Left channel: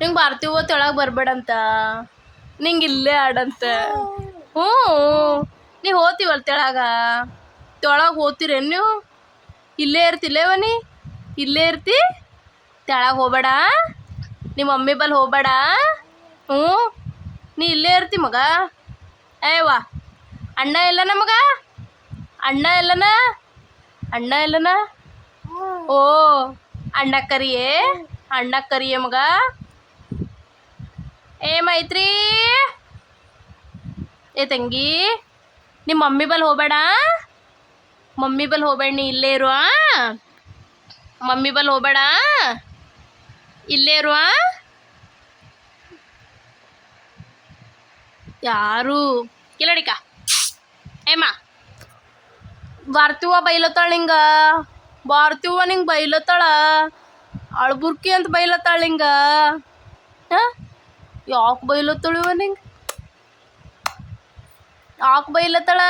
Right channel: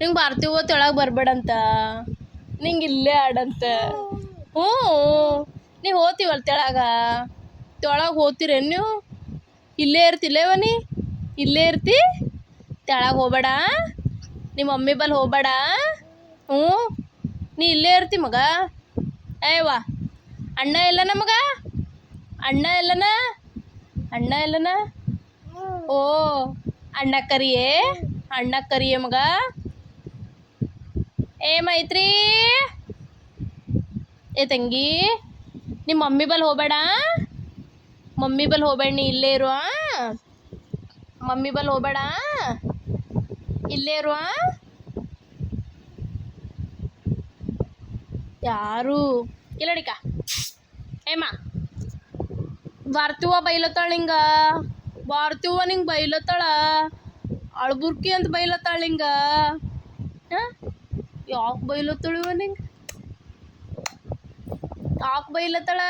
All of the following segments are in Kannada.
ನಿಂಗೆ ಬರ್ತೀವೋ ತೆಳಗೆ ಬರ್ಬೇಡಂತ, ನಿಂಗೆ ಇಲ್ಲೇ ಆಡಂತ. ಹ್ಞೂ ನೀವು ಹೋಗ್ತೀವಲ್ಲ ತೆಳಗೆ ಹೋಗ್ತೀರೇನು ನೀವು? ಇಲ್ಲೇ ಇರ್ತಿಲ್ಲೇವ ನೀ? ಇಲ್ಲೇ ಇರ್ತಿ, ತೆಳಗೆ ಹೋಗ್ಬೇಡ, ನಿಮ್ಮ ಮಮ್ಮಿ ಬಲ್ಲಿ ಹೋಗ್ಬೇಡ. ಹ್ಞೂ ನೀ ಇಲ್ಲೇ ಇರ್ತಿ ಮಗ. ಏವಾ ಅಣ್ಣ ಎಲ್ಲನ ಮಗ? ಅಣ್ಣ ಎಲ್ಲನ? ಅಣ್ಣ ಎಲ್ಲನ? ಓ ಅಣ್ಣ ಕರಿಯೇ ಮಗ. ಏ ಮೈತ್ರಿ, ಏ ತಂಗಿ, ನಿಮ್ಮ ಮಮ್ಮಿ ಬಲ್ಲಿ ಹೋಗ್ಬೇಡ, ಮಮ್ಮಿ ಬಲ್ಲಿ ಹೋಗ್ಬೇಡ, ನೀ ಇಲ್ಲೇ ಇರುವ. ಮಮ್ಮಿ ಬಲ್ಲಿ ಹೋಗ್ಬೇಡ, ಇಲ್ಲೇ ಇರುವ. ಯಾರು ಕಿಲಡಿಕ ಏಮ್ಮ ಬರ್ತೀವ ಬೈಲತ್ತಾಳ ನಿಂಗ, ಬರ್ತೀವ ನಿಂಗೆ ಬೈಲತ್ತಾಳ, ಅಳ್ಬುರ್ಕಿ ಅಂತ ಬೈಲತ್ತಾಳ ನಿಂಗ. ಹಾಂ ಯಾಕೆ ಬೈಲತ್ತಾಳಿವ ನಿಂಗೆ? ಯಾಕೆ ಬೈಲತ್ತಾಳ?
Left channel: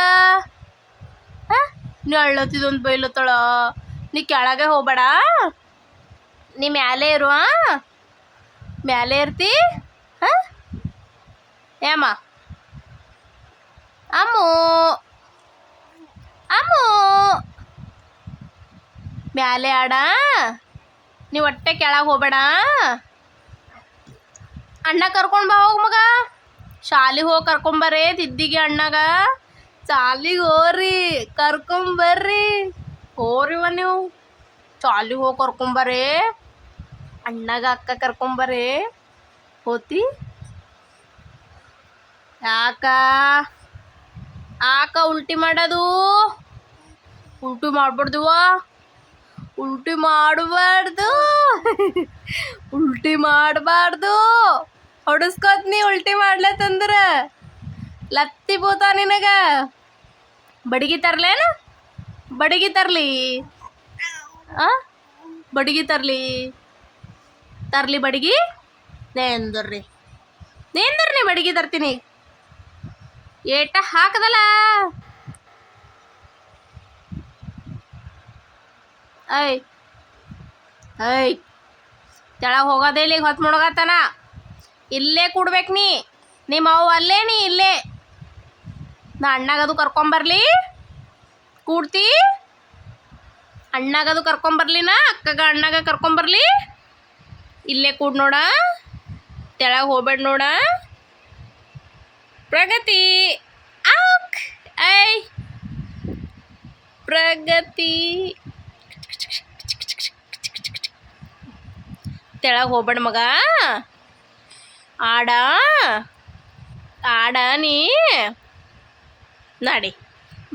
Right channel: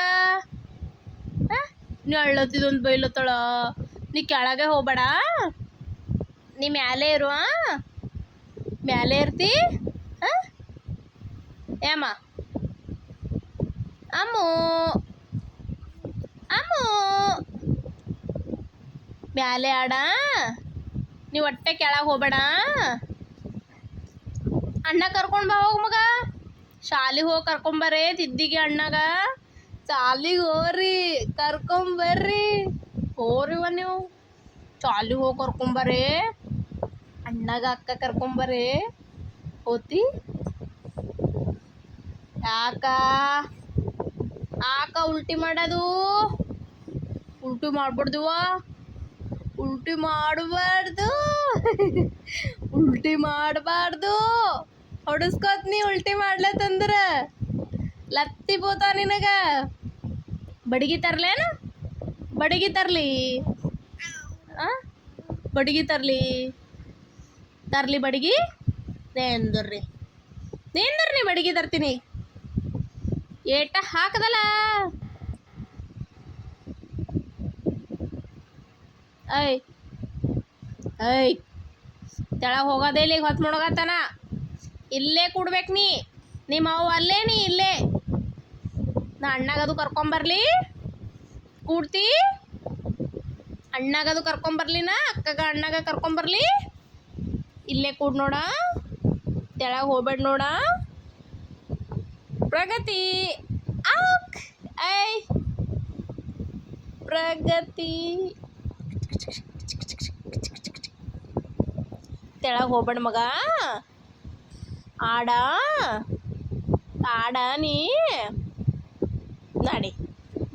ಹಾಂ ನೀ ಅಳ್ಳತ್ತಿದೊಂದು ಬೈಲತ್ತಾಳ. ನೀ ಕೆಳಗೆ ಹೋಗ್ಬೇಡ, ನೀ ಮ್ಯಾಲೆ ಇರುವ. ಮ್ಯಾಲೆ ಇರ್ತಿ. ಹಾಂ ಏಮ್ಮ ಅಮ್ಮು ಅಮ್ಮು ಮ್ಯಾಲೆ ಆಡ, ನೀವು ಹೊಟ್ಟೆ ಕೆಳಗೆ ಹೋಗ್ಬೇಡ. ಅಣ್ಣ ಕರ್ಕೊಂಡು ಬಾ ಹೋಗಿ ಮಗ, ಶಾಲಿಗೆ ಹೋಗಿ ಕರ್ಕೊಂಬರ್ರಿ ದಿದ್ದಿಗೆ ಅಣ್ಣಗ. ಶಾಲಿಗೆ ಹೋಗ್ರಿ, ಕರ್ಕೊಂಬರ್ರಿ, ಹೋರಿವ ನೀವು ಶಾಲಿಗೆ ಹೋಗಿ ಕರ್ಕೊಂಬರ್ರಿ ಅಣ್ಣಗ ಅಕ್ಕ ಕರ್ಕೊಂಬರ್ರಿ. ಹೋತಿ ಯಾಕ ಉಲ್ಟಿ ಮಾಡೋದು? ಉಲ್ಟಿ ಮಾಡ್ಬಾರ್ದುವ, ಉಲ್ಟಿ ಮಾಡಬಾರ್ದು, ಉಲ್ಟಿ ಮಾಡಬಾರ್ದು. ಹೊಡಿಸ್ಕೋತ್ ನೀ ಉಲ್ಟಿ ಮಾಡ್ಲತ್ತಂದ್ರ ಲತ್ತಿ ಬೋತ ನಿನಗ. ಬಡಿಗೆ ತರ್ಲೇನು? ಬಡಿಗೆ ತರ್ಲಿ? ಬಡಿಗೆ ತರ್ಲಿ ಬಡಿಗೆ? ನೇಂದರ್ರಿ ಬಡಿಗೆ ತರ್ತೀನಿ. ಏಟ ಹಾಕದಲ್ಲ. ಐ ತೆಳಗೆ ಹೋಗೋದೇ ಇಲ್ಲಿಗೆ ಹೊತ್ತು ಮುಣಗತ್ತಾನ. ಇಲ್ಲೇ ಕೂಡ್ಬೇಕು ನೀ, ನಿಮ್ಮ ಅವ್ವ ಅಲ್ಲೇ, ನೀ ಇಲ್ಲೇ. ನಾ ಅಣ್ಣಗದು ಕರ್ಕೊಂಬರ್ಲಿ? ಕೂಡ್ತಿ? ಅಣ್ಣಗದು ಕರ್ಕೊಂಬರ್ಲಿನ ಅಕ್ಕಗ ಅಣ್ಣಗ ಕರ್ಕೊಂಬರ್ಲಿ? ಇಲ್ಲೇ ಕೂಡ್ ನೋಡ, ತೆಳಗೆ ಹೋಗ್ಬೇಡ ನೋಡ. ಪ್ರಗತಿ ಪ್ರಗತಿ ತೆಳಗೆ ಹೋಗ್ಬೇಡ ಮಗ, ಆಡ ನೀ ನಡಿ.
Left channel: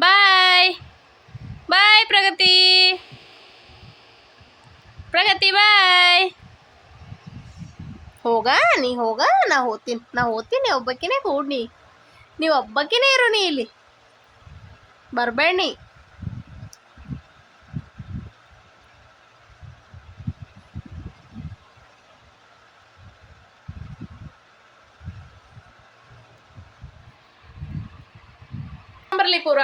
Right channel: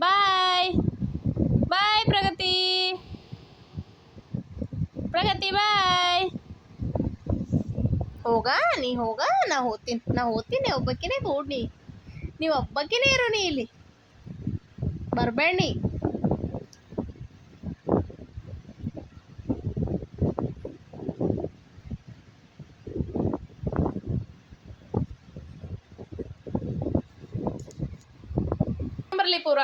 ಬಾಯ್ ಪ್ರಗತಿ ಬಾಯ್. ಹೋಗ ನೀ ಹೋಗ, ನಾ ಹೋಗ್ತೀನಿ ಒಬ್ಬಕ್ಕಿನೇ ಕೂಡ್ನಿ, ನೀವು ಒಬ್ಬಕ್ಕಿನೇ ಇರು, ನೀ ಇಲ್ಲಿ ಬರ್ಬೇಡ ನೀ. ಬರ್ಲಿ ಪೂರ